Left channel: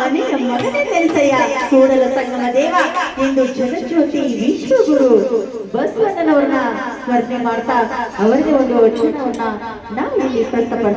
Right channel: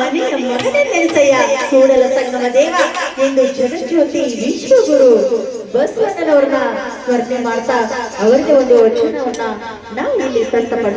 ಮನೆಯ ಮಗನ ಕೆಲಿತೆಯ ಕೂಡಲ ದೇವ ಎಂದು ಜನಜ್ಯೋತಿ ವಿಶ್ವಗುರು ಬಸವಣ್ಣನವ್ರನ್ನ ಸ್ಮರಣೆ ಮಾಡ್ತಾ ಅವರಿಗೆ ಒಂದು ವಚನವನ್ನ ನಾವು ಇಲ್ಲಿ ಸ್ಥಿತಪಡ್ತೀವಿ